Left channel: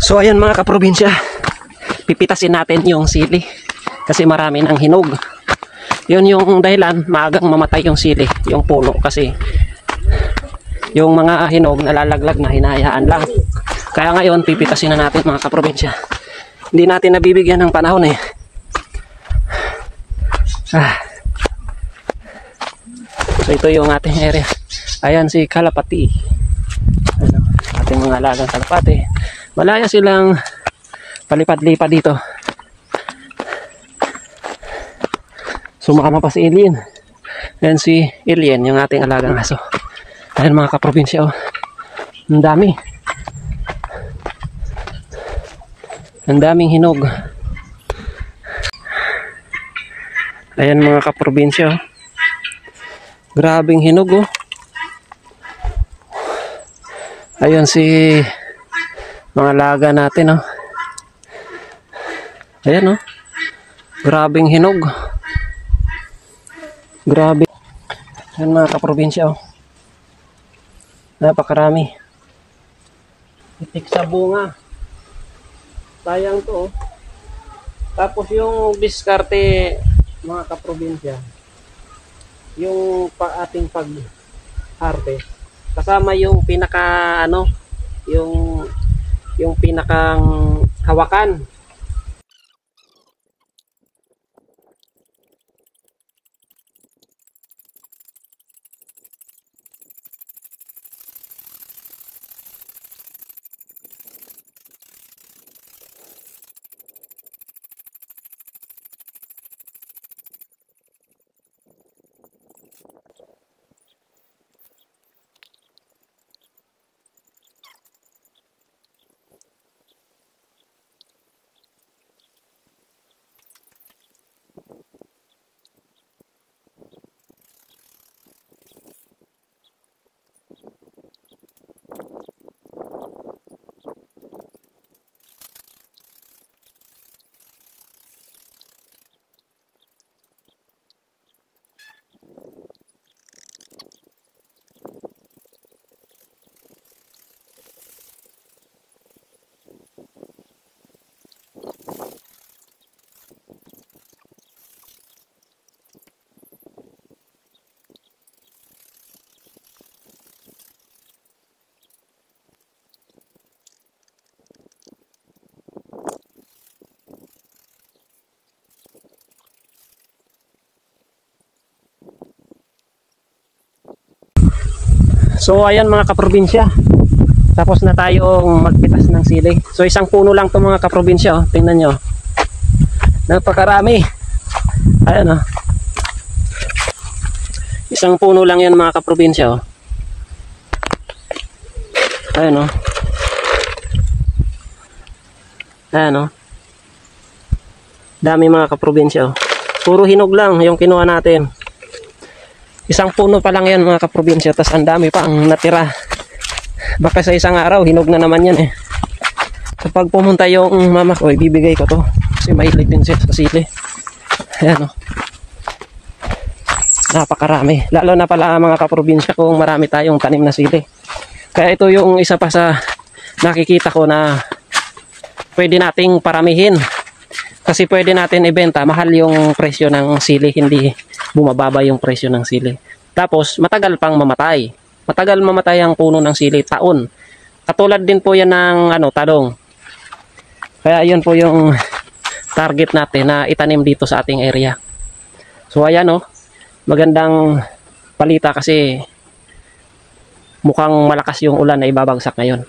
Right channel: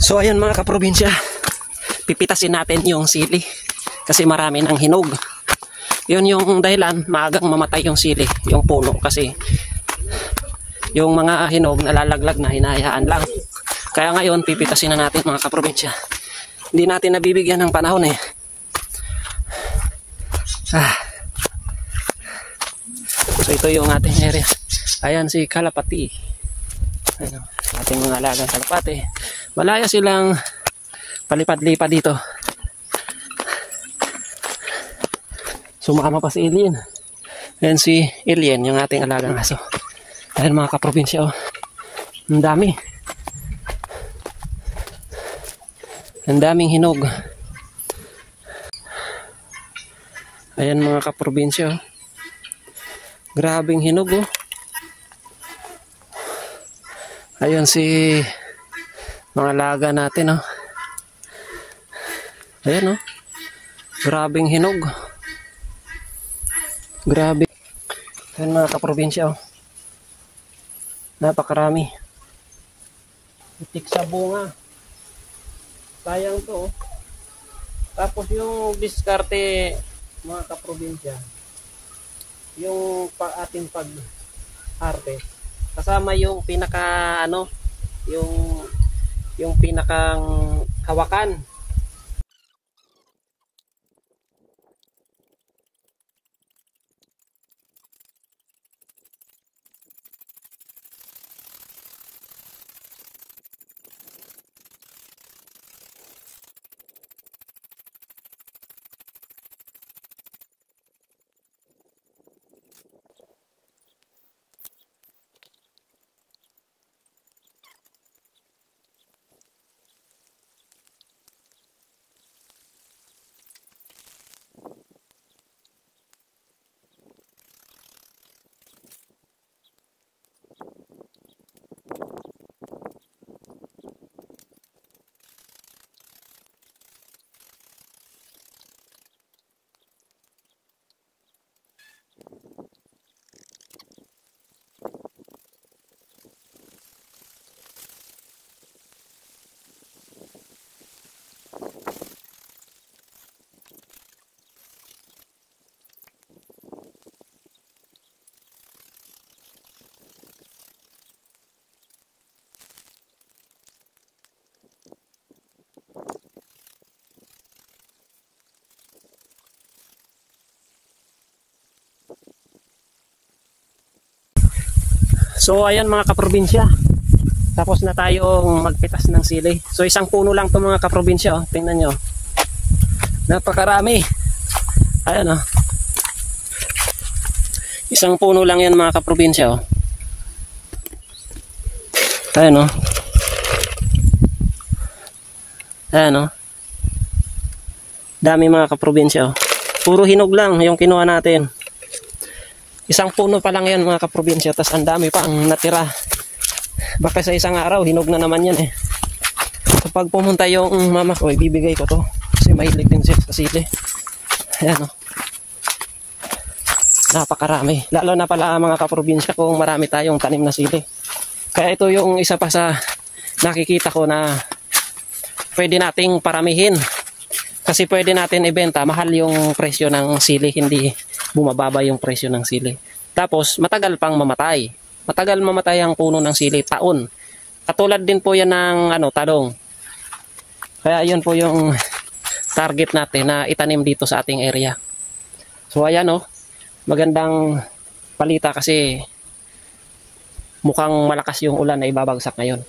So ayan mga kaprobinsya, pipitasin natin yung sili kasi marami ng hinog. Yun yung dahilan maagang mamatay yung sili, yung puno, kasi yung mga hinog nalalaglag na, hinahayaan lang. Kaya ngayon pipitasin na natin mga kaprobinsya. Hindi natin nabibigyan ng panahon eh. So ito yung ating area. Ayan si kalapati. Ating mga alagang kalapati. Malaya silang palipad-lipad dito. Sumama pa si Alien. Ayan si Alien, yung ating alagang aso. Ayan mga kaprobinsya, oh. Ang dami. Ang daming hinog. Ayan mga kaprobinsya, oh. Grabing hinog, oh. Ayan si mga laga natin, oh. Ayan, oh. Grabing hinog. Grabe. Ayan mga kaprobinsya, oh. Napakarami. Itik sa bunga. Sayang to, oh. Tapos yung diskarte mga kaprobinsya, yung ating pag-harvest, kasama yung pinaka yung pinakang hawakan. So ayan mga kaprobinsya, tapos na tayong magpitas ng sili. So isang puno lang to mga kaprobinsya, oh. Tingnan nyo, napakarami. Ayan, oh. Isang puno lang yan mga kaprobinsya, oh. Ayan, oh. Ayan, oh. Dami mga kaprobinsya, oh. Puro hinog lang yung kinuha natin. Isang puno pa lang yan mga kaprobinsya, tas ang dami pa ang natira. Baka sa isang araw hinog na naman yan eh. Kapag pumunta yung mama ko, ibibigay ko to kasi mahilig din siya sa sili. Ayan, oh. Napakarami, lalo na pala mga kaprobinsya kung marami tayong tanim na sili. Kaya ito yung isa pa sa nakikita ko na pwede nating paramihin, kasi pwede natin ibenta mahal yung presyo ng sili, hindi bumababa yung presyo ng sili. Tapos matagal pang mamatay. Matagal mamatay ang puno ng sili, taon. Katulad din po yan ng talong. Kaya yun po yung target natin na itanim dito sa ating area. So ayan, oh. Magandang balita kasi mukhang malakas yung ulan na ibabagsak ngayon.